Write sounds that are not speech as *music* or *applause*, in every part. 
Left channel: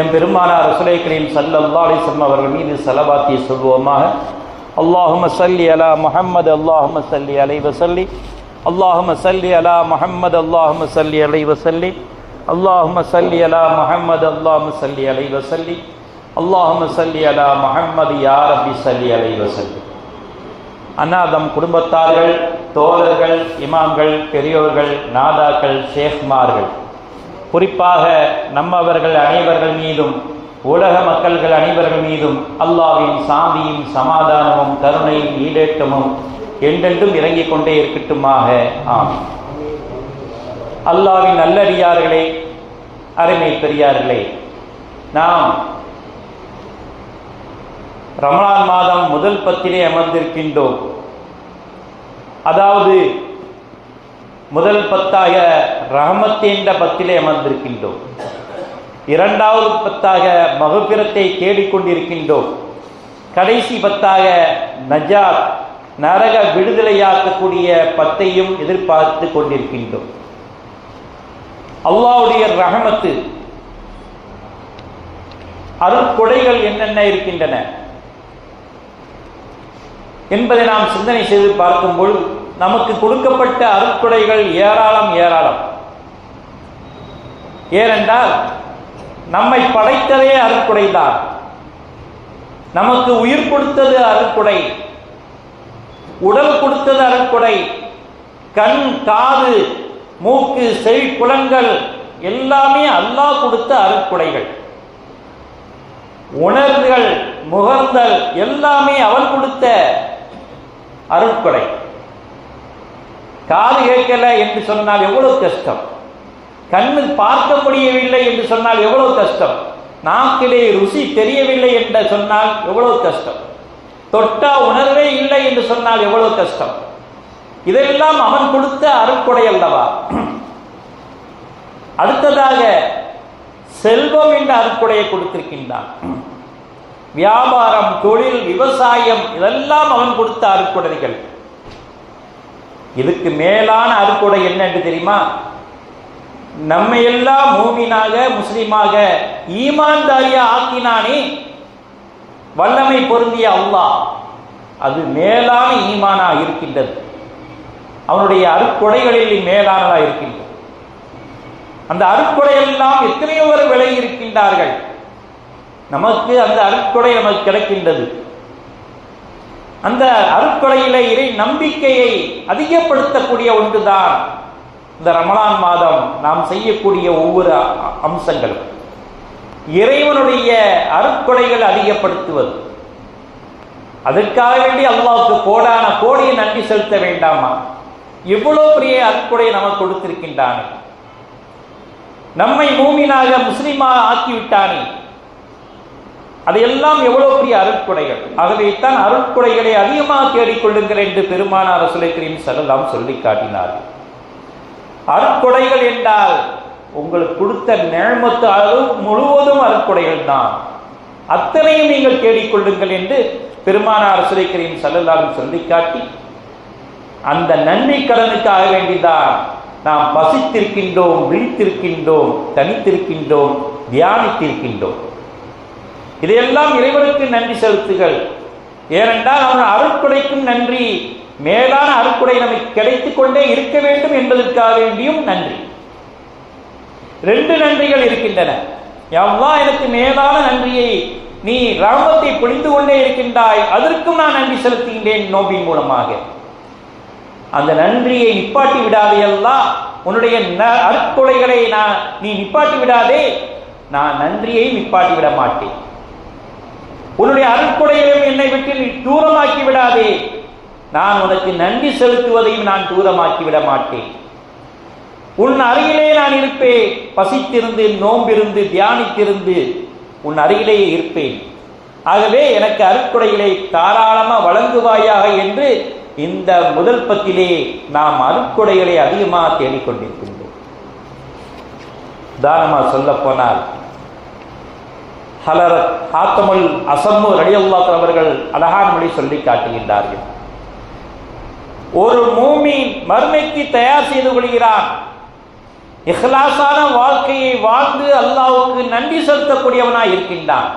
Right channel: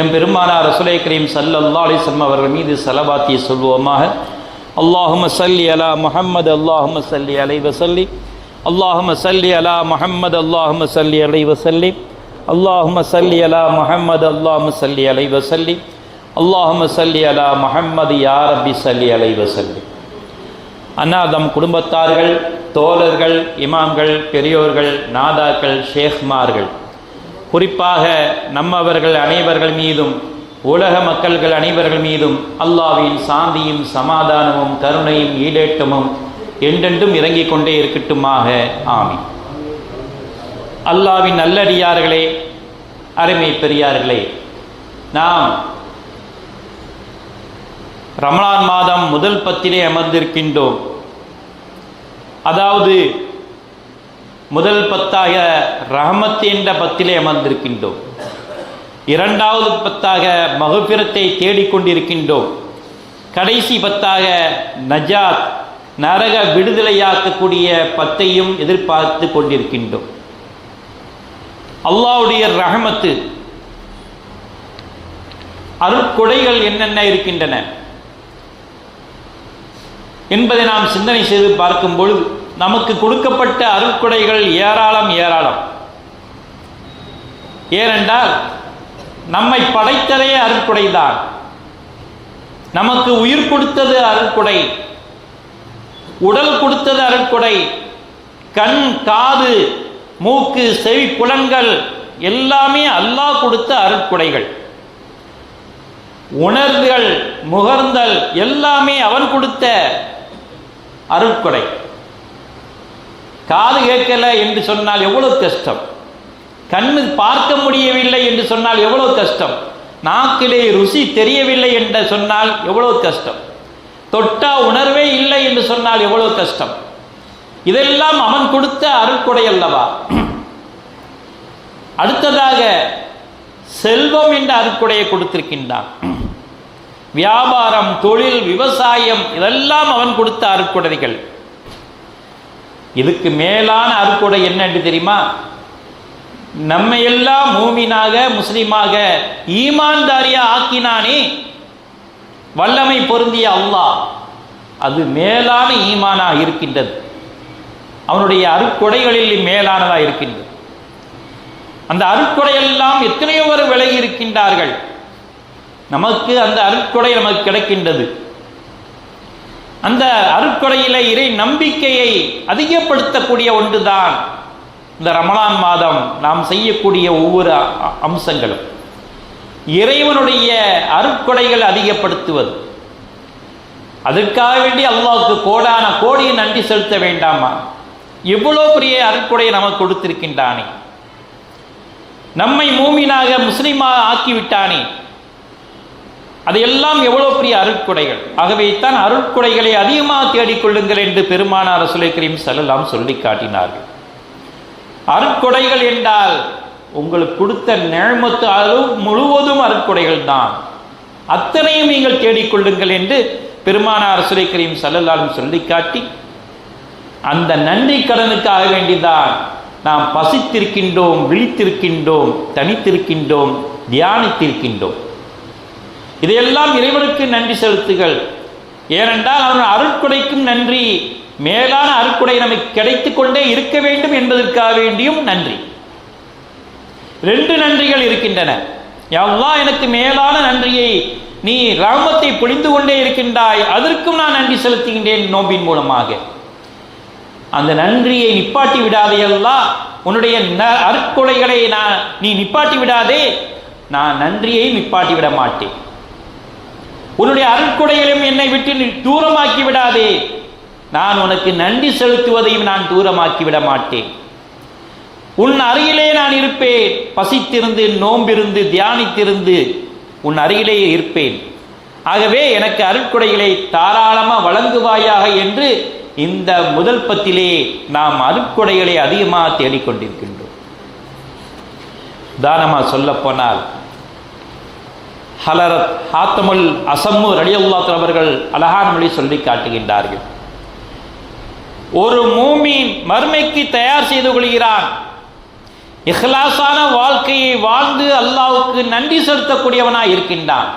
M பெருமானார் ரசுலை கரீம் சல்லல்லா அலிஸ்லம் அவர்கள் மீது செலவாத்திய சொல்வோமாக அல்லாஹும சல்லி அலா முஹம்மது அல்லாஹும சல்லி அலை வசல்லி அல்லாஹும சல்லி அலா முஹம்மது அல்லாஹும சல்லி அலை வசல்லி அல்லாஹும சல்லி அலா முஹம்மது அல்லாஹும சல்லி அலை வசல்லி அல்லாஹும சல்லி அலா முஹம்மது யார் அபி சல்லி அலை வசல்லி அன்னாதம் குடும்பத்தார்கள் தோழர்கள் இமாம்கள் பெரியோர்கள் நாதாக்கள் ஷேக்மார்கள் குறிப்பாக நம்மவர்கள் அனைவர்கள் மீதும் உலக மக்கள்கள் அனைவர்கள் மீதும் அல்லாவின் சாந்தியும் சமாதானமும் கருணையும் ஈடேட்டமும் என்றென்றும் இறங்கிக் கொண்டே இருக்கட்டுமாக. ஆமி அல்லாவின் நல்லடியார்களே அருமை பெரியார்களே நாம் ரமலான் மாதம் முதல் பத்திலே அமர்ந்திருக்கின்றோம். அதாவது முதல் பத்தாக ரஹமத் என்ற பத்திலே அமர்ந்திருக்கின்றோம். இரண்டாவது பத்தாக மகபிரத்தை தேடிக்கொண்டிருக்கின்றோம். கடைசி பத்தாக நஜாத் நரக விடுதலையாக்கக்கூடிய பத்தையும் எதிர்பார்த்து கொண்டிருக்கின்றோம். அல்லாவுடைய ரஹமத்து அருட்கொடைகள் என்னென்ன இருக்கின்றன என்பதை நாம் சிந்தனை செய்து பார்க்கும் பொழுது நமக்கு கொடுக்கப்பட்ட அருட்கொடைகள் ஏராளம் ஏராளம். ஏனென்றால் நம்மை படைத்ததே அருட்கொடைதான் நமக்கு உயிர் கொடுத்தது அருட்கொடை உடல் கொடுத்தது அருட்கொடை கண் காது மூக்கு செவி புலன்கள் எல்லாமே அல்லாஹ் கொடுத்த அருட்கொடைகள் உணர்வுகள் முகர்ந்தல் எல்லாமே அவன் கொடுத்த அருட்கொடை காது கேட்கல என்று சொன்னால் எவ்வளவு கஷ்டம்? கண்ணு பார்க்க முடியவில்லை என்று சொன்னால் எவ்வளவு கஷ்டம்? நாக்கிலே ருசி தெரியவில்லை என்று சொன்னால் எவ்வளவு கஷ்டம்? தொட்டா உணர்வே இல்லை என்று சொன்னால் எவ்வளவு கஷ்டம்? இதெல்லாம் அவன் கொடுத்த அருட்கொடை அல்லவா? அடுத்ததாக செல்வம் என்ற அருட்கொடையை கொடுத்திருக்கின்றான். வியாபாரம் தொழில் விவசாயம் இதெல்லாம் அவன் கொடுத்த அருட்கொடைகள். இதுக்கு மேலான அருட்கொடை என்ன என்று தெரியுமா? நம்மை எல்லாம் மூமினாக முஸ்லீமாக ஈமான்தாரியா ஆக்கினானே வல்லமை பொருந்திய அல்லாஹ். அது மேலான ஈமானா இருக்கின்றது. அவனுடைய அருட்கொடைகளில் மேலானதா இருக்கின்றது. அந்த அருட்கொடையெல்லாம் எத்தனையோ ஒரு விலகி இருக்கின்றார்கள். நமக்கு அந்த அருட்கொடை நமக்கு கிடைக்கின்றது. அந்த அருட்கொடையில இறை நம்பிக்கையை அதிகப்படுத்தக்கூடிய ஒன்றுதான் இந்த ரமலான் மாதம் நாம் செய்யக்கூடிய ஒவ்வொரு அம்சங்களும். இறைவனுடைய அருட்கொடைகள் அதிகப்படுத்துவது. அதற்காக வேண்டி அல்லாவுக்கு கோடான கோடியை நன்றி செலுத்த வேண்டாமா? எவ்வளோ பெரிய அருட்கொடையை நமக்கு கொடுத்திருக்கின்றானே. நம்மை மூமினாக முஸ்லீமாக ஆக்கிவிட்டானே. அதையெல்லாம் எவ்வளவு பெரிய அருட்கொடைகள்? ஆகவே தான் அருட்கொடைகளை அதிகமாக தேடிக்கொள்ளுங்கள் என்று பெருமானார் ரசுலை செல்லலாம் சொல்லி காட்டினார்கள் அருட்கொடைகள் என்றால் உங்களுக்கு கொடுத்த நேமத்து அளவு முழுவதும் அருட்கொடைகள் தான். அத்தனையும் நீங்கள் தேடிக்கொள்ளுங்கள் என்று பெருமானார் ரசுலை செல்லலாம் சொல்லி காட்டி அந்த நன்றி கடனுக்காக வேண்டிதான் நாம் பசித்திருக்கின்றோம் விழித்திருக்கின்றோம் தனித்திருக்கின்றோம் தியானித்திருக்கின்றோம். இதையெல்லாம் இறைவனுக்கு நன்றி செலுத்துகள் ஏனென்றால் அவன் அருட்கொடைக்கும் நன்றி. மேலான அருட்கொடை நமக்கு கிடைத்துக் கொண்டே இருக்க வேண்டும் என்பதற்காக வேண்டியும் நன்றி. ரெண்டு நன்றிகள் இருக்கின்றன. எவ்வளோ எனக்கு மேலான நன்றியை நீ ராமத்தை பொழிந்து கொண்டே இருக்கின்றாய். அதற்கும் நான் நன்றி செலுத்துகின்றேன் நோம்பின் மூலமாக. அந்த நன்றியை நிப்பாட்டி விடாதே உன்னுடைய அற்கொலைகளை நான் நீ நிப்பாட்டி விடாதே. நான் நன்றியை நிப்பாட்டி விட மாட்டேன். உன்னுடைய அருட்கொடைகளையும் என்னை விட்டு நீ தூரமாக்கி விடாதே. நான் உனக்கு நன்றி செலுத்துவதையும் நான் தூரமாக்கி விட மாட்டேன். உன் அருகிலே நான் இருப்பேன். பசித்திருந்து நோம்பிருந்து தியானித்திருந்து உன் அருகிலேயே இருப்பேன். ஆகவே எனக்கு அருட்கொடைகளை தாராளமாக வழங்குவாயாக என்று இந்த முதல் பத்திலே நாம் அருட்கொடைகளை அதிகமாக தேடிக்கொண்டிருக்கின்றோம். உதாரணமா சொல்ல போனால் ஹலரத் ஹாத்தமல் அசம்மு ரலியல்லாத் அவர்கள் அழகான மொழி சொல்லி காட்டுகின்றார்கள். ஒரு மூமின் மர்மைக்கு தயார் செய்து கொள்கிறான். இஹ்லாசான வாழ்க்கையை வாழ்ந்து அல்லாவுக்கு நன்றி செலுத்தக்கூடியவனாய் இருக்கின்றான்.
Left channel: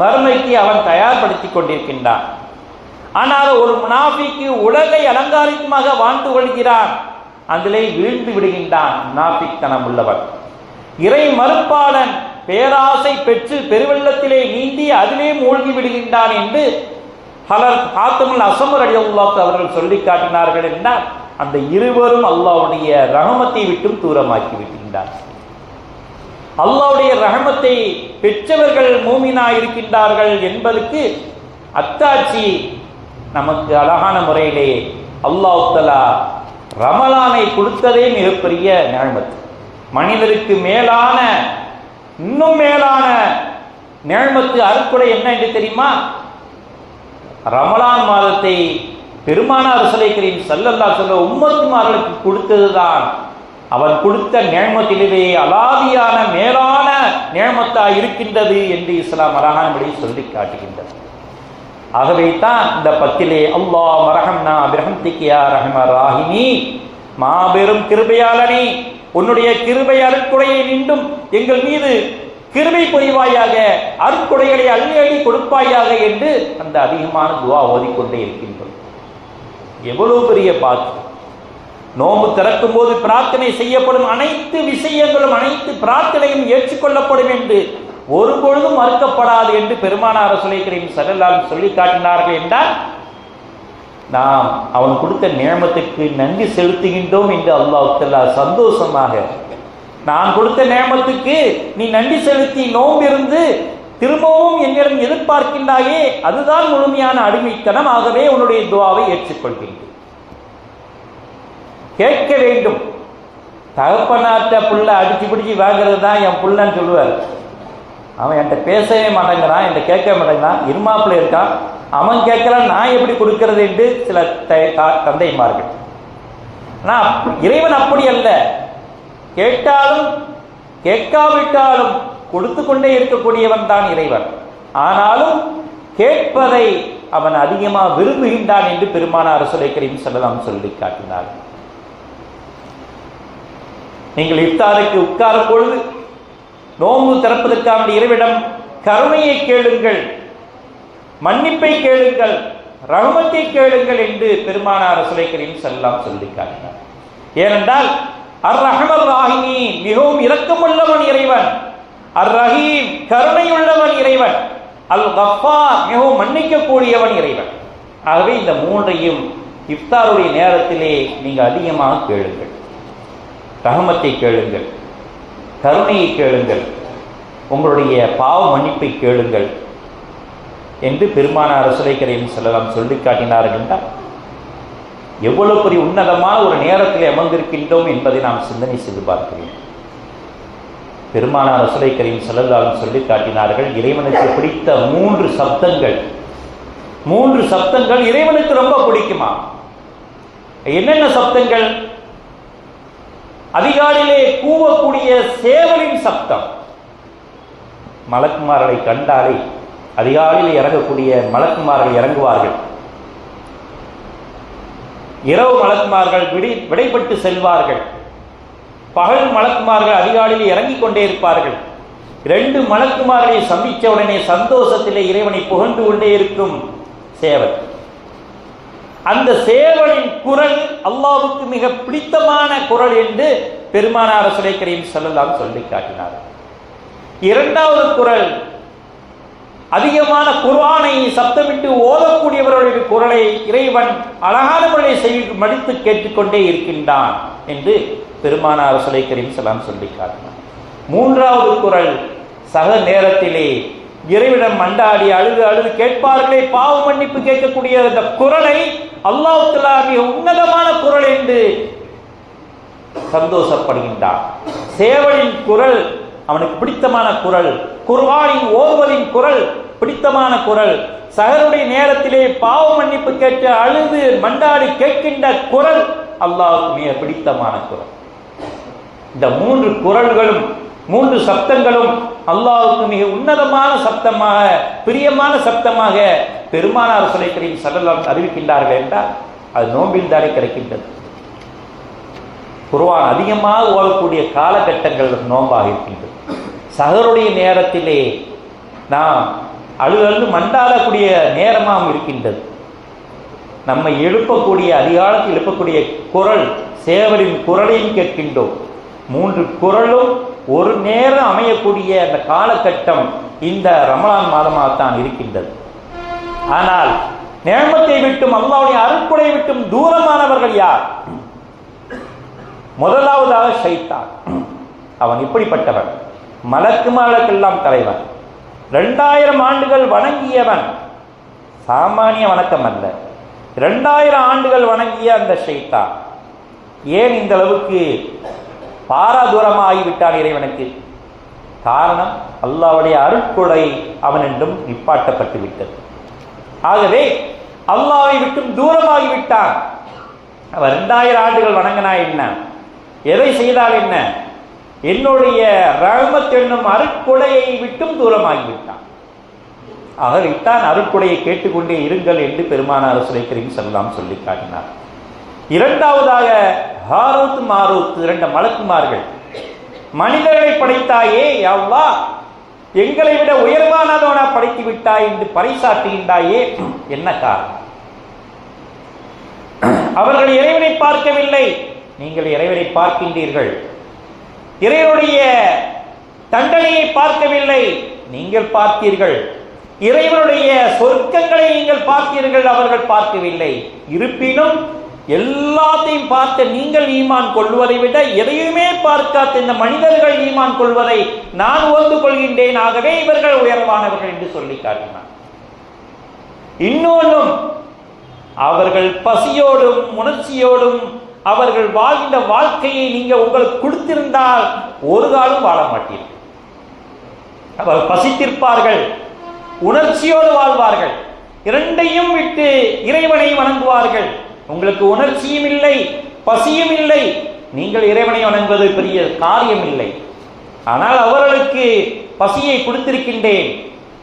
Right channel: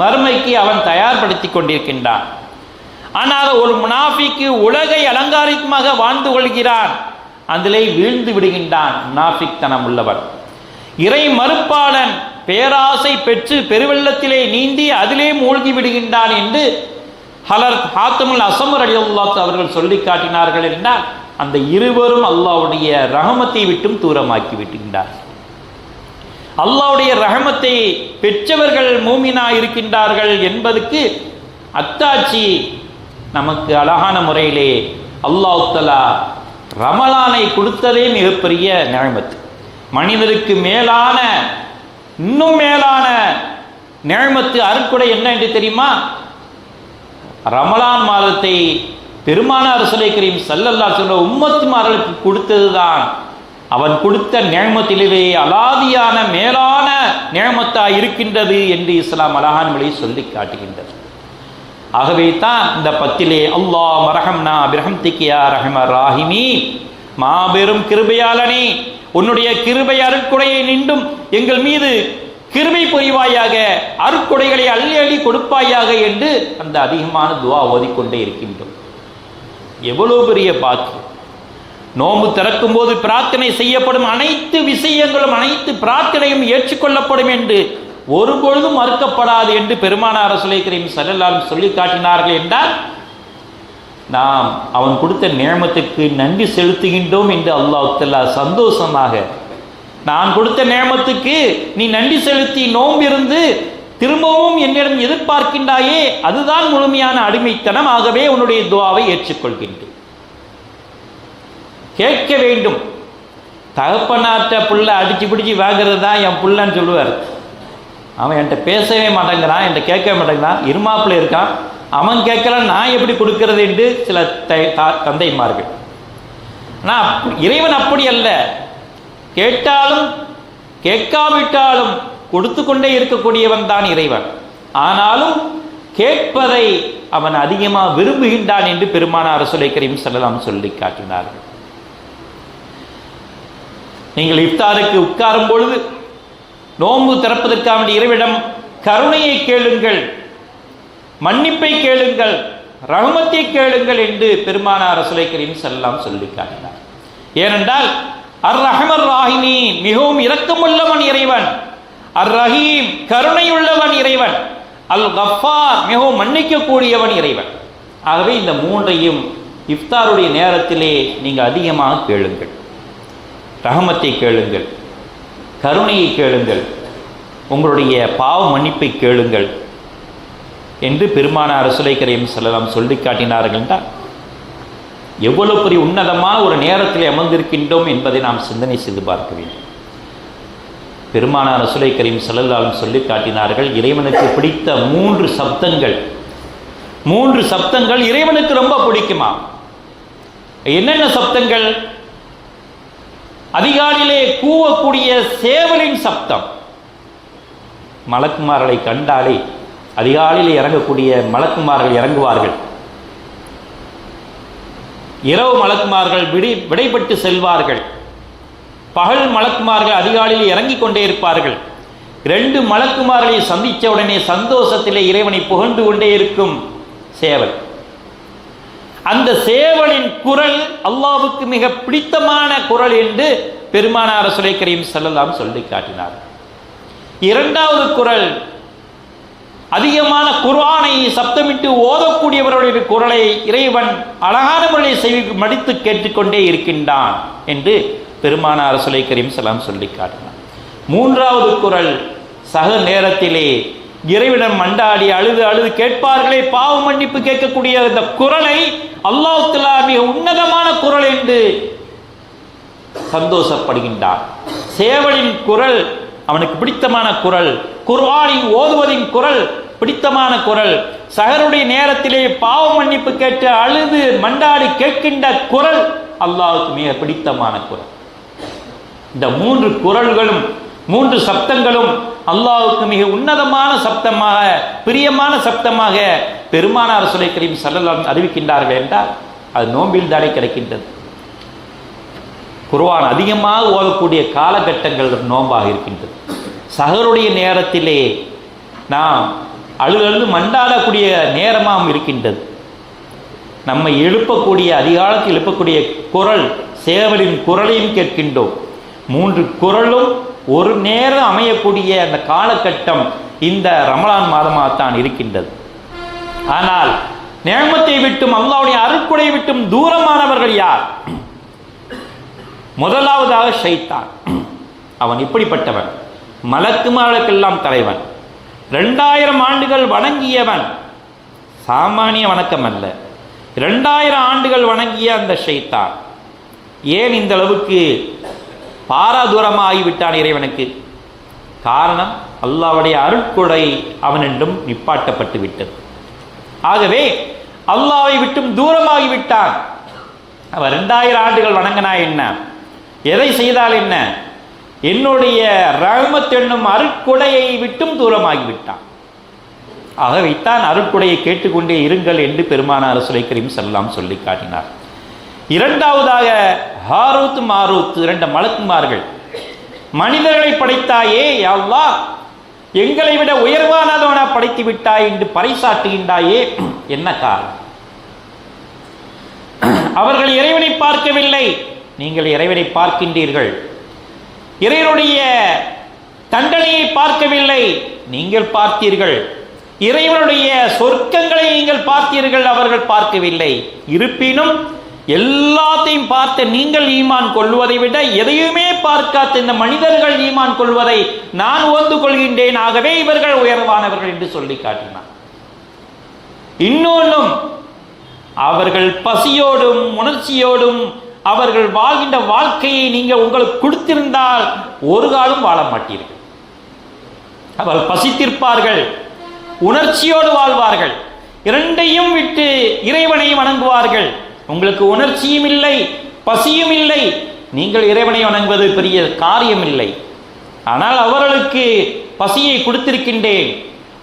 மறுமைக்கு அவன் தயார்படுத்திக் கொண்டிருக்கின்றான். ஆனால் ஒரு முனாஃபிக்கு உலகை அலங்காரிகமாக வாழ்ந்து கொள்கிறான். அதிலே வீழ்ந்து விடுகின்றான் முனாஃபிக் தனம் உள்ளவன் இறை மறுப்பாளன் பேராசை பெற்று பெருவெள்ளத்திலே நீந்தி அதிலே மூழ்கி விடுகின்றான் என்று ஹலர் ஹாத்தமுல் அசமர் அலி அவர்கள் சொல்லி காட்டினார்கள் என்றால் அந்த இருவரும் அல்லாவுடைய ரகமத்தை விட்டும் தூரமாக்கி விட்டுகின்றார் அல்லாவுடைய ரகமத்தை பெற்றவர்கள் மூமினா இருக்கின்றார்கள் என்பதற்கு அத்தாட்சி நமக்கு அழகான முறையிலே அல்லாஹலா ரமலானை கொடுத்ததே மிகப்பெரிய நிழமத்து மனிதருக்கு மேலான இன்னும் மேலான நேமத்து அருக்குடை என்ன என்று தெரியுமா? ரமலான் மாதத்தை பெருமானார் சுலை கரீம் சல்லல்லா சொல்ல உம்மத்துமார்களுக்கு கொடுத்ததுதான். அவன் கொடுத்த நேமத்திலே அலாதியான மேலான நேமத்தா இருக்கின்றது என்று இஸ்லாம் அழகான சொல்லி காட்டுகின்றது. ஆகவே தான் இந்த பத்திலே அல்லாஹ் மரஹம்னா பிரஹம்திக்கியா ரஹம ராஹிமி மாபெரும் கிருபையாளனே. உன்னுடைய கிருபை அருட்குடையை நின்றும் எங்கள் மீது கிருபை புரிவாயாக அருட்குடைகளை அள்ளி அள்ளி கொடுப்பாயாக என்று அந்த அதிகமான துவா ஓதிக்கொண்டே இருக்கின்றோம். எவ்வளவு பெரிய பாக்கியம். நோம்பு திறக்கும் போது பிரார்த்தனை செய்யப்படும் அனைத்து விஷயங்களும் அனைத்து பிரார்த்தனையும் ஏற்றுக்கொள்ளப்படும் என்று ஒருபொழுதும் மறுக்கப்படாது என்று பெருமானார் சுலைக்கரையும் சல்லல்லாம் சொல்லி காட்டினார்கள் என்றால் நாம் அவன் கொடுத்த நேமத்துக்கு நன்றி செலுத்துகின்றோம் என்று அல்லாஹ் சந்தோஷமாக. நான் கொடுத்த நேமத்துக்கு நீ நன்றி செலுத்தி நோம்பிருந்து திரும்பவும் என்னிடம் எதிர்பார்க்கின்றாயே அதுதான் முழுமையான அடிமைத்தனம். ஆகவே உன்னுடைய துவாவை ஏற்றுக்கொள்கின்றேன். கேட்க வேண்டும். தகப்பனாற்ற புள்ள அடிச்சு பிடிச்சி வாங்குறது தான் என் புள்ளன்னு சொல்லுவார். அவன் என்கிட்ட பேசவே மாட்டேங்கிறான் என்கிட்ட கேட்க மாட்டேங்கிறான். இருமாப்பில் இருக்கான். அவன் கேட்கறான் நான் எப்படி கொடுக்கிறது என்று சில த- தந்தைமார்கள். நான் இறைவன் அப்படி அல்ல. கேட்டாலும் கேட்காவிட்டாலும் கொடுத்து கொண்டே இருக்கக்கூடியவன் தான் இறைவன். ஆனாலும் கேட்பதை அவன் அதிகமாக விரும்புகின்றான் என்று பெருமானார் சுலை கரீம் செல்லலாம் சொல்லி காட்டினார்கள் நீங்கள் இஃப்தாருக்கு உட்காரும் பொழுது நோன்பு திறப்பதற்காக இறைவிடம் கருணையை கேளுங்கள். மன்னிப்பை கேளுங்கள் ரஹமத்தை கேளுங்கள் என்று பெருமானார் சுலை கரீம் செல்லலாம் சொல்லி காட்டினார். ஏனென்றால் அர் ரஹமர் ராஹினி மிகவும் இரக்கமுள்ளவன் இறைவன். அர் ரஹீம் கருணையுள்ளவன் இறைவன். அல் கஃபா மிகவும் மன்னிக்கக்கூடியவன் இறைவன். ஆகவே இந்த மூன்றையும் இஃப்தாருடைய நேரத்திலே நீங்கள் அதிகமாக கேளுங்கள். ரஹமத்தை கேளுங்கள் கருணையை கேளுங்கள் உங்களுடைய பாவ மன்னிப்பை கேளுங்கள். என்று பெருமானார் சுலை கரையும் செல்லலாம் சொல்லி காட்டினார்கள் என்றால் எவ்வளவு பெரிய உன்னதமாக ஒரு நேரத்தில் அமர்ந்திருக்கின்றோம் என்பதை நாம் சிந்தனை செய்து பார்க்க வேண்டும். பெருமானார் சுலை கரீம் செல்லலாலும் சொல்லி காட்டினார்கள் இறைவனுக்கு பிடித்த மூன்று சப்தங்கள். மூன்று சப்தங்கள் இறைவனுக்கு ரொம்ப பிடிக்குமா? என்னென்ன சப்தங்கள்? அதிகாலையிலே கூவக்கூடிய சேவலின் சப்தம். மலக்குமார்களை கண்டாலே அதிகாலையில் இறங்கக்கூடிய மலக்குமார்கள் இறங்குவார்கள். இரவு மலக்குமார்கள் விடை விடைபட்டு செல்வார்கள். பகல் மலக்குமார்கள் அதிகாலையில் இறங்கிக் கொண்டே இருப்பார்கள். ரெண்டு மலக்குமார்களை சந்தித்த உடனே சந்தோஷத்திலே இறைவனை புகழ்ந்து கொண்டே இருக்கும் சேவல். அந்த சேவலின் குரல் அல்லாவுக்கு மிக பிடித்தமான குரல் என்று பெருமானார் சுலை செல்லலாம் சொல்லி காட்டினார். இரண்டாவது குரல் அதிகமான குர்ஆனை சப்தமிட்டு ஓதக்கூடியவர்களுடைய குரலை இறைவன் அழகான செய் செவி மடித்து கேட்டுக்கொண்டே இருக்கின்றான் என்று பெருமானார் சுலை கரீம் செல்லாம் சொல்லி காட்டினார். மூன்றாவது குரல் சக நேரத்திலே இறைவிடம் மண்டாடி அழுது அழுது கேட்பார்களே பாவ மன்னிப்பு கேட்கக்கூடிய அந்த குரலை அல்லாஹ் மிக உன்னதமான குரல் என்று சந்தோஷப்படுகின்றான் சேவலின் குரல் அவனுக்கு பிடித்தமான குரல். குர்ஆனின் ஓதுவதின் குரல் பிடித்தமான குரல். சகருடைய நேரத்திலே பாவ மன்னிப்பு கேட்டு அழுது மண்டாடி கேட்கின்ற குரல் அல்லாவுக்கு மிக பிடித்தமான குரல். இந்த மூன்று குரல்களும் மூன்று சப்தங்களும் அல்லாவுக்கு மிக உன்னதமான சப்தமாக பிரியமான சப்தமாக பெருமானார் சுலை கரீம் சல்லல்லாஹு அறிவிக்கின்றார்கள் என்றால் அது நோம்பில் தானே கிடைக்கின்றது. குர்வான் அதிகமாக ஓதக்கூடிய காலகட்டங்கள் நோம்பாக இருக்கின்றது. சகருடைய நேரத்திலே நாம் அழுது அழுது மண்டாடக்கூடிய நேரமாகவும் இருக்கின்றது. நம்மை எழுப்பக்கூடிய அதிகாலத்தில் எழுப்பக்கூடிய குரல் சேவலின் குரலையும் கேட்கின்றோம். மூன்று குரலும் ஒரு நேரம் அமையக்கூடிய அந்த காலகட்டம் இந்த ரமலான் மாதமாகத்தான் இருக்கின்றது. ஆனால் நேமத்தை விட்டும் அல்லாவுடைய அருட்குடை விட்டும் தூரமானவர்கள் யார்? முதலாவதாக ஷைத்தான். அவன் இப்படிப்பட்டவன். மலக்கு மாலக்கெல்லாம் தலைவன். ரெண்டாயிரம் ஆண்டுகள் வணங்கியவன். சாமானிய வணக்கம் அல்ல. ரெண்டாயிரம் ஆண்டுகள் வணங்கிய அந்த ஷைத்தான். ஏன் இந்த அளவுக்கு பாராதூரமாக ஆகிவிட்டான் இறைவனுக்கு? காரணம் அல்லாவுடைய அருட்கொடை அவனென்றும் நிப்பாட்டப்பட்டு விட்டது ஆகவே அல்லாவை விட்டும் தூரமாகி விட்டான் அவன் ரெண்டாயிரம் ஆண்டுகள் வணங்கினா என்ன? எதை செய்தால் என்ன? என்னுடைய ரகமத் என்னும் அருக்குடையை விட்டும் தூரமாகி விட்டான் ஆகவேத்தான் அருட்கொடையை கேட்டுக்கொண்டே இருங்கள் என்று பெருமானார் சுலை கரீம் செல்லாம் சொல்லி காட்டினார். இரண்டாவதாக ஹாரூத் மாரூத் இரண்டு மலக்குமார்கள் மனிதர்களை படைத்தாயே யவ்வா எங்களை விட உயர்வானதவனா படைத்து விட்டாய் என்று பறைசாட்டுகின்றாயே என்ன காரணம்? அவர்கள் இறை நீங்கள் இறைவனை பார்க்கின்றீர்கள். இறைவனுடைய தண்டனையை பார்க்கவில்லை. நீங்கள் பார்த்தீர்கள். இறைவனுடைய சொர்க்கங்களை நீங்கள் பார்த்தீர்கள் அவர்கள் பார்க்கவில்லை. இருப்பினும் எல்லாத்தையும் பார்த்த நீங்கள் ஈமான் கொள்வதை விட எதையுமே பார்க்காத இந்த மனிதர்கள் ஈமான் கொள்வதை நான் ஓந்து கொள்கின்றேன். ஆகவே இவர்கள் உயர்வானவர்கள் என்று சொல்லி காட்டினார். இன்னொன்றும் அவர்கள் பசியோடும் உணர்ச்சியோடும் அவர்கள் வாழ்கின்ற வாழ்க்கையை நீங்கள் உங்களுக்கு கொடுத்திருந்தால் ஒரு காலம் வாழ மாட்டீர்கள். அவர் பசித்திருப்பார்கள் உணர்ச்சியோடு வாழ்வார்கள் இரண்டையும் விட்டு இறைவனை வணங்குவார்கள். உங்களுக்கு உணர்ச்சியும் இல்லை பசியும் இல்லை. நீங்கள் இறைவனை வணங்குவது பெரிய காரியம் இல்லை ஆனால் அவர்களுக்கு பசியை கொடுத்திருக்கின்றேன்.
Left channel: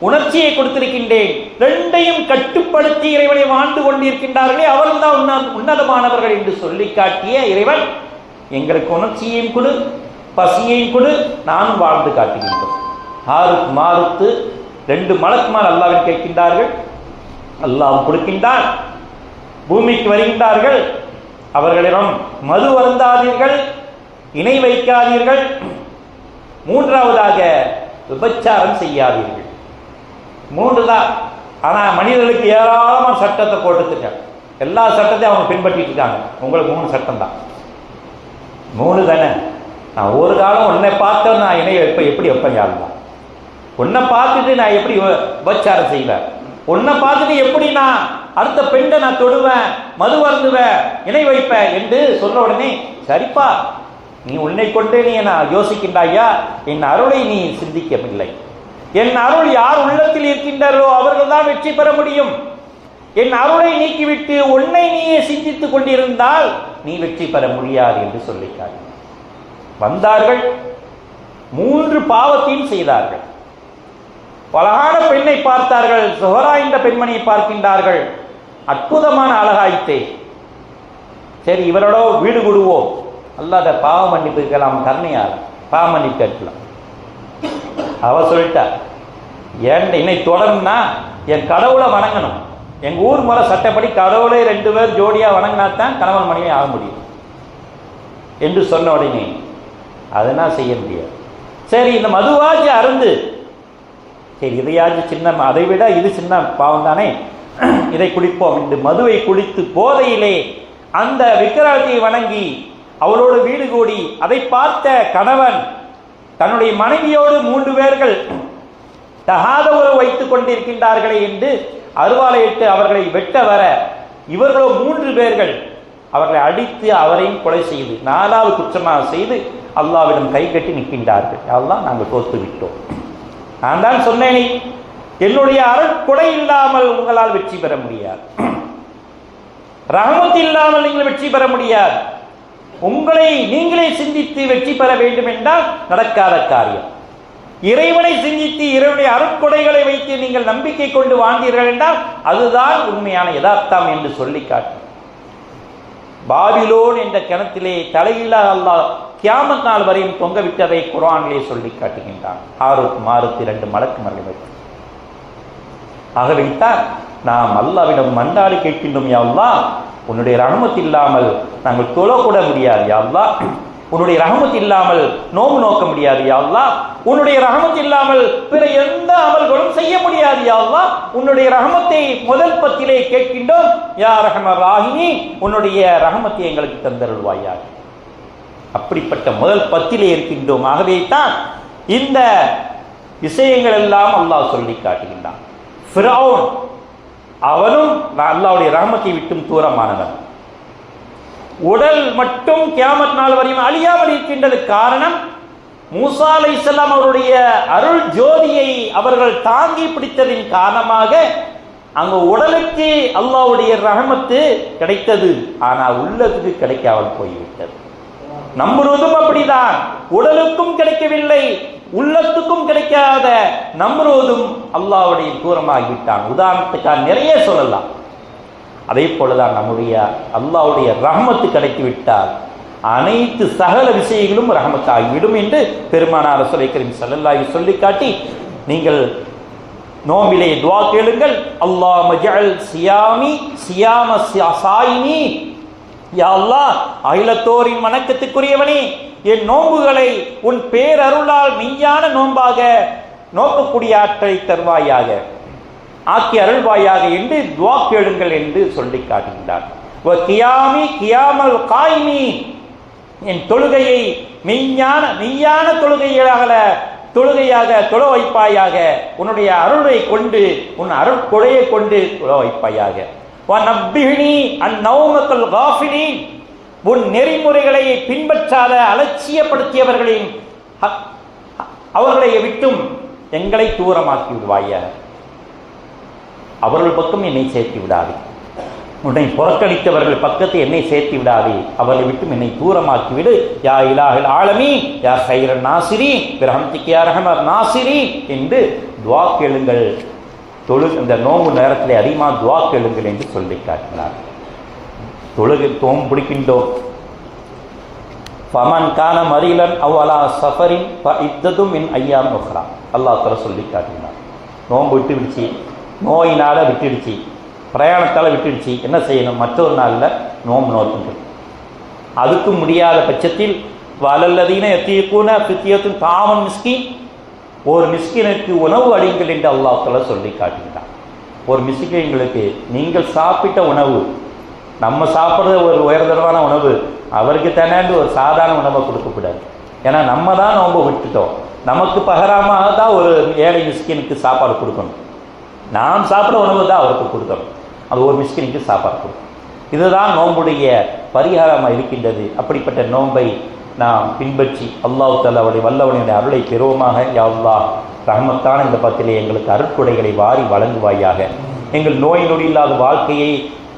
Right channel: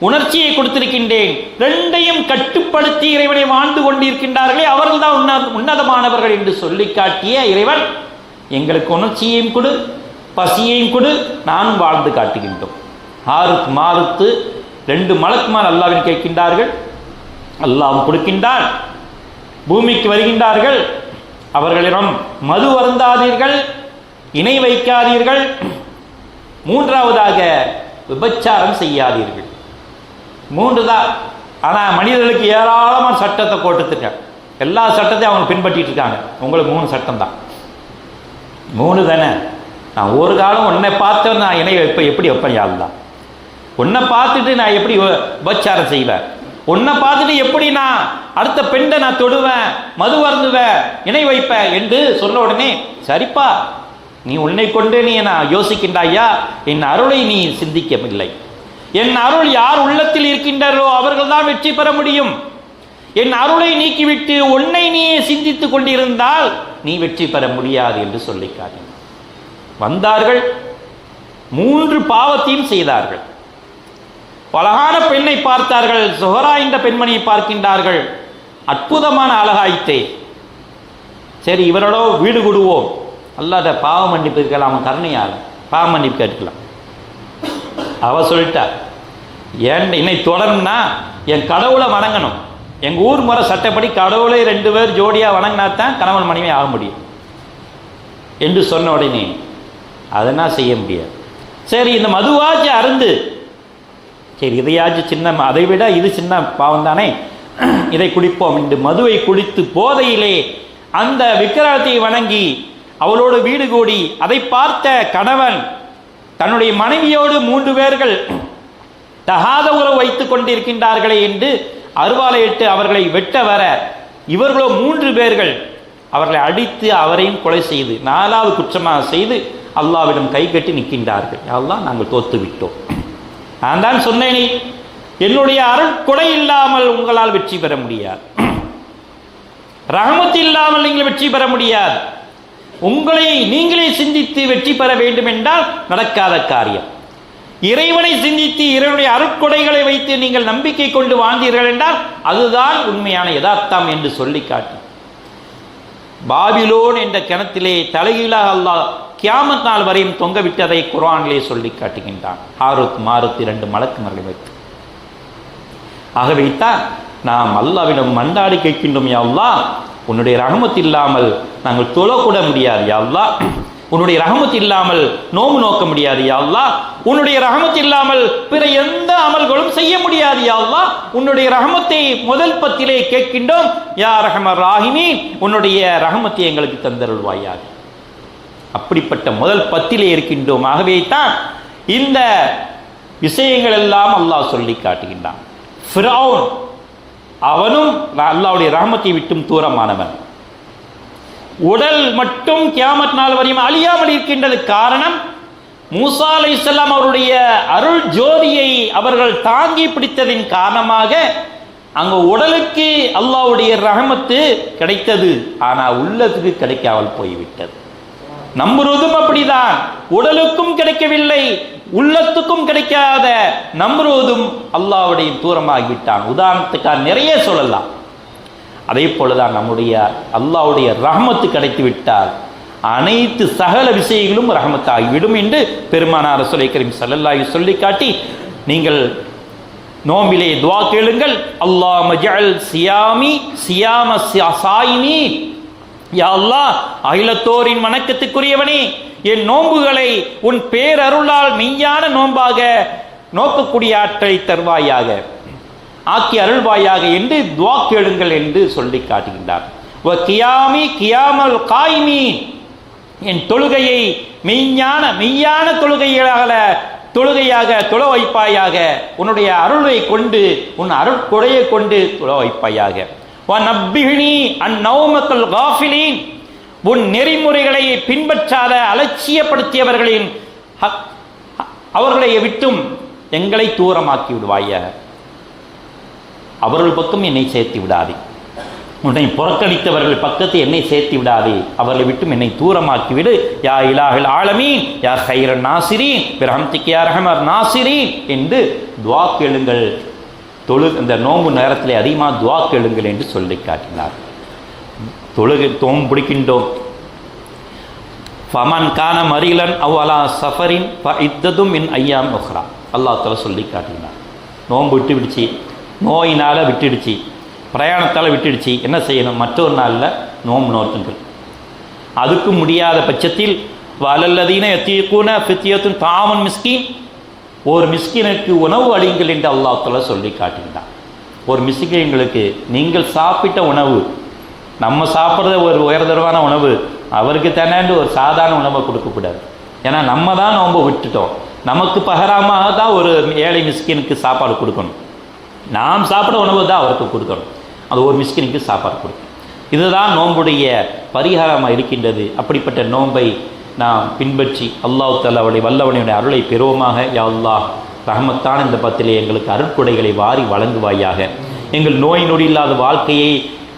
உணர்ச்சியை கொடுத்திருக்கின்றேன். ரெண்டையும் கட்டுப்படுத்தி இறைவனை வாழ்ந்து கொண்டிருக்கின்றார்களே அவர்கள் தான் உன்னதமானவர்கள் என்று சொல்லி காட்டிய இறைவன் எங்களுக்கு உணர்ச்சியையும் கொடு பசியையும் கொடு நானும் வாழ்ந்து காட்டுகின்றோம். ஆறுக்கு மாறுத்து ரெண்டு மலக்குமார் அல்லாவின் கேட்கின்றார்கள். அல்லாவும் கொடுக்கின்றார். பூமிக்கு வருகின்றார்கள். அவர்களிடம் மது வருந்தாதீர்கள் இணை வைக்காதீர்கள். மூன்றாவதாக விபச்சாரம் செய்யாதீர்கள். மூன்று தான். ஆனால் மனிதர்களுக்கு ஏராளமான சட்டத்தை போட்டுருக்காங்க எல்லா சட்டத்தையும் அவங்க பின்பற்றிட்டு இருக்காங்க. உங்களுக்கு மூணு சட்டம் தான். மூணு தானே? நான் ஒரு காலம் உன்னை பார்த்து நான் இணை வைப்பேன் எப்படி வைப்பேன் யாருதான் உன்னை பார்த்துட்டு நான் எப்படி உபச்சாரம் செய்வேன்? உன்னை பார்த்துட்டு எப்படி நான் அடுத்த பெண்ணை நான் தொடுவேன் மது வருந்துவேன் இணை வைப்பேன் என்று சொன்ன உடனே சரிப்பா நீ உன்னை கொண்டு நீ நான் யோசிக்கின்றாயா? என் அருளை நீ சிந்திக்கவில்லை. என் அருள் யார் உள்ளத்தில் இருக்கின்றாரோ அவர்கள் தான் வெற்றி பெற முடியும். என் அருளை நீக்கிவிட்டு உன்னை நீயே சிந்தித்துக் கொண்டிருந்தால் நீ வெற்றி பெற முடியாது என்று சொல்லிக்கார் வந்தார்கள் மூன்று பாவத்தையும் செய்தார்கள். பலகான பெண்ணை பார்த்தார்கள் சுஹரா என்ற பெண்மணியை பார்க்கின்றார்கள். அற்புதமான அழகாயித்தே சரி இவரோட வீடு கொடுவோம். அல்லாத பாவ மன்னிப்பு இருக்கலாம் கருணையார் பாவ மன்னிப்பு கேட்கலாம். அவ சொல்லிட்டா ஏன் என்னை தொடரும்னா என் கடவுளை வணங்கணும். எங்கள் ஊர் முறை சட்டப்படி கடவுளை ரெண்டு பேர் ஜோடியாக வணங்கினா தான் கணவன் மனைவி ஆக முடியும். என்று சொன்ன உடனே அதெல்லாம் செய்ய முடியாது. சரி இந்த மதுவாச்சு அருந்து சரி இதையாச்சும் சின்ன அதை விட இது சின்ன பாவம் தானே? *clears throat* இதை குடிப்போம் என்று மதுவை குடித்து போதையிலே அந்த விக்கிரகத்தை வணங்கி அவளோடு வீடு கூடி அதை பார்த்த கணவன் தன்னுடைய மனைவியோடு மூன்று பேர்கள் தகாத உறவு வைத்துக் கொண்டிருக்கின்றார்களே என்று அருவாலையிட்டு அவர்களை வெட்ட வர இவர்களோ மூன்று பேர்கள் அவர்களை அடித்து அவரையும் கொலை செய்து நாலாவது குற்றமாக செய்து அல்லாவிடம் கை கட்டி நிற்கின்றார்கள். அல்லாஹ் நாங்கள் தோத்து விட்டோம் நான் தான் சொன்னேனே என்னுடைய அருட்கொடை இல்லாமல் உங்களால் வெற்றி பெற முடியாது. *clears throat* ரகமத்து இல்லாமல் நீங்கள் வெற்றி பெற முடியாது. உங்களை நீங்களே சிந்தித்து வெற்றி பெற வேண்டும் என்றால் நடக்காத காரியம். இறைவனை சிந்தித்து இறைவனுடைய அருட்கொடைகளை வைத்து நீங்கள் நம்பிக்கை கொண்டு வாழ்ந்தீர்கள் என்றால் அதுதான் உண்மையான யதார்த்தம் என்று சொல்லி காட்டும் பாபிலோன் என்ற கிணத்திலே தலைகீழாக அல்லாஹ் கியாமத் நாள் வரையும் தொங்க விட்டதை குரானிலே சொல்லி காட்டுகின்றான். ஹாருத் மாருத் இரண்டு மலக்குமர்களை வைத்து. ஆகவேத்தான் நாம் அல்லாவிடம் மண்டாடி கேட்கின்றோம் யா அல்லாஹ் உன்னுடைய ரகமத் இல்லாமல் நாங்கள் தொழக்கூட முடியாது யாழ்லா உன்னுடைய ரகமத் இல்லாமல் நோம்பு நோக்க முடியாது யாழ்லா உன்னுடைய ரகமத் இல்லாமல் பிற எந்த அமல்களும் செய்ய முடியாது யாழ்லா உன்னுடைய ரகமத்தை முதல் பத்திலே கேட்கின்றோம் யா ரஹமர் ராகினி உன்னுடைய ரகமத்தை எங்களுக்கு தந்தருள்வாயாக. அப்படிப்பட்ட முதல் பத்திலே இருக்கின்றோம். ஆகவே தான் இந்த விஷயங்கள் எல்லாம் அல்லாஹ் சொல்லி காட்டுகின்றான். ஃபிரௌன் அவனும் அல்லாவுடைய ரஹமத்தை விட்டும் தூரமானவன். உடல் மட்டும் கியாமத் நாள் வரையும் அழியாமல் இருக்கின்றது காரணம் மூசா அலைஹிஸ்ஸலாம் அவருடைய அருள் ஜோதியை அவர்கள் தாங்கி பிடித்ததின் காரணமாக அங்க உடலுக்கு அல்லாவுடைய ரகமத்து கிடைத்தது. ஆனா உள்ளத்துக்கு கிடைக்காமல் போய்விட்டது. நம்புறதும் அப்படிதான். உடலுக்கும் கிடைக்கவில்லை உள்ளத்துக்கும் கிடைக்காத நம்புவதும் அல்லாவுடையும் தூரமாகிவிட்டான். உதாரணத்துக்காக நிறைய சொல்லலாம். அதே போலதான் நம்முடைய அல்லாவுடைய ரஹமத்து கிடைத்து விட்டால் அனைத்து சகல விஷயங்களும் ரஹமத்தாகிவிடும் என்று பெருமானார் ரசூலை கரீம் ஸல்லல்லாஹு சொல்லி காட்டி நீங்கள் நோம்பிலே துவா கேளுங்கள். அல்லாஹ் மஜ்அல் சியாமி சியாம சியா- சாயினி யா அகிலத்தோரின் வணக்கத்துக்குரியவனே என் நோன்புகளை உன் பேரருளால் மெய்யான நோன்பாக நோக்கக்கூடிய ஆற்றலை தருவாயாக ஆக்கி அருள்வாயாக என்று துவா கேளுங்கள் என்று சொல்லி காட்டுகின்றார். கியாமி கியாமல் காய்மி என் தொழுகையை மெய்ஞான மெய்யான தொழுகையாக தொழுகையாக தொழ வைப்பாயாக உன்னுடைய அருளை கொண்டு உன் அருள் கொடையை கொண்டு தொழ வைப்பாயாக. உன் நெறிமுறைகளை பின்பற்றாத அலட்சியப்படுத்தியவர்களின் அவர்களை விட்டும் எங்களை தூரமாக்கி விடுவாய. அவர்கள் பக்கம் என்னை சேர்த்து விடாதே. உன்னை புறக்கணித்தவர்கள் பக்கத்து என்னை சேர்த்து விடாதே. அவர்களை விட்டும் என்னை தூரமாக்கி விடு. யா இலாஹில் ஆலமி யா ஹைரன் நாசிரி பிரஹம்திக்கு யா ரஹமர் நாசிரி என்று துவா கேளுங்கள். தொழு இந்த நோம்பு நேரத்திலே அதிகமாக துவா கேளுங்கள் என்று சொல்லி காட்டினார். தொழுகை தோம் பிடிக்கின்றோம். ஃபமன் கான மரிலன் அவ்வலா சஃபரின் ப இத்ததும் என் ஐயா உஹ்ரா. அல்லாஹ் சொல்லி காட்டினார். நோன்பு விட்டு விடுச்சு நோயினால் விட்டுடுச்சு. பிரயாணத்தால் விட்டுடுச்சு. என்ன செய்யணும்? மற்றொரு நாளில் நோம்பு நோர்த்துங்கள் அதுக்கும் முடியாத பட்சத்தில் வலல்லதீன எத்தியக்கூன ஃபித்தியத்தும் தாமன் மிஸ்கின் ஒரு மிஸ்கினுக்கு உணவு அளியுங்கள் என்று அல்லாஹ் சொல்லி காட்டுகிறான் ஒரு மிஸ்கின்களுக்கு நீங்கள் சாப்பிட்ட உணவு நம்ம சாப்பிட்றது ஒரு உயர்தரமான உணவு அவருக்கு தானேண்டு ஒரு சாதாரண உணவை கொடுக்கக்கூடாது. ஏன்னா நம்ம தான் நோம்ப விட்டுட்டோம். நமக்கு பகராமாக தான் ஒரு ஏழை மிஸ்கினுக்கு சாப்பாடு கொடுக்கணும். நாம் சாப்பிட உணவு தான் அவருக்கு கொடுக்கணும். அது ஒரு மிஸ்கினுக்கு சாப்பாடு கொடுக்கணும் இதுதான் நோன்புடைய பரிகாரமாக இருக்கின்றது. அப்படிப்பட்ட நோன்பை நாம் பின்பற்றி அல்லாஹ் தாலாவுடைய வல்லவனுடைய அருளை பெறுவோமாக. யா அல்லாஹ் ரஹமத்தான இந்த பத்திலே எங்களுக்கு அருட்கொடைகளை வாரி வழங்குவாயாக. எங்கள் நோய் நொடி இல்லாத வாழ்க்கையை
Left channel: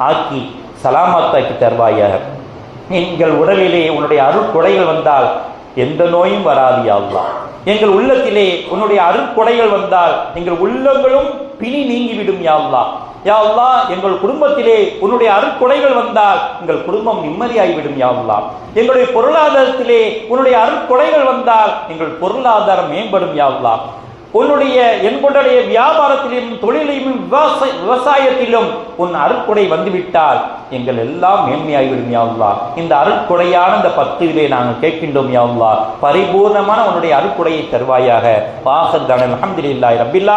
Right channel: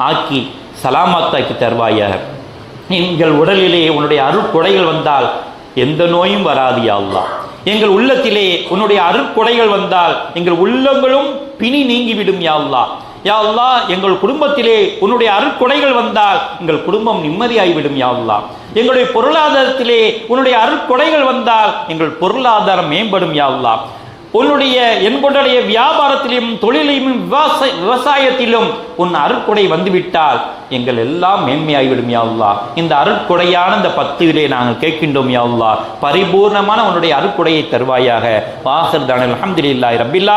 ஆக்கி சலாமத்தாக்கி தருவாயாக. எங்கள் உடலிலே உன்னுடைய அருட்கொடைகள் வந்தால் எந்த நோயும் வராது யா அல்லாஹ். எங்கள் உள்ளத்திலே உன்னுடைய அருட்கொடைகள் வந்தால் எங்கள் உள்ளங்களும் பிணி நீங்கிவிடும் யா அல்லாஹ். யா எங்கள் குடும்பத்திலே உன்னுடைய அருட்கொடைகள் வந்தால் எங்கள் குடும்பம் நிம்மதியாகிவிடும் யா எங்களுடைய பொருளாதாரத்திலே உன்னுடைய அருட்கொடைகள் வந்தால் எங்கள் பொருளாதாரம் மேம்படும் யா உன்னுடைய எங்களுடைய வியாபாரத்திலும் தொழிலையும் விவசாய விவசாயத்திலும் உன் அருட்கொடை வந்துவிட்டால் எங்கள் எல்லாம் மேன்மையாகிவிடும் யாவுல்லா இந்த அருட்கொடையான இந்த பத்துவிலே நாங்கள் கேட்கின்றோம் யாவுல்லா பரிபூர்ணமான உன்னுடைய அருட்கொடையை தருவாயாக. வாசல் தானே அல்ஹம்துலில்லாஹி ரப்பில்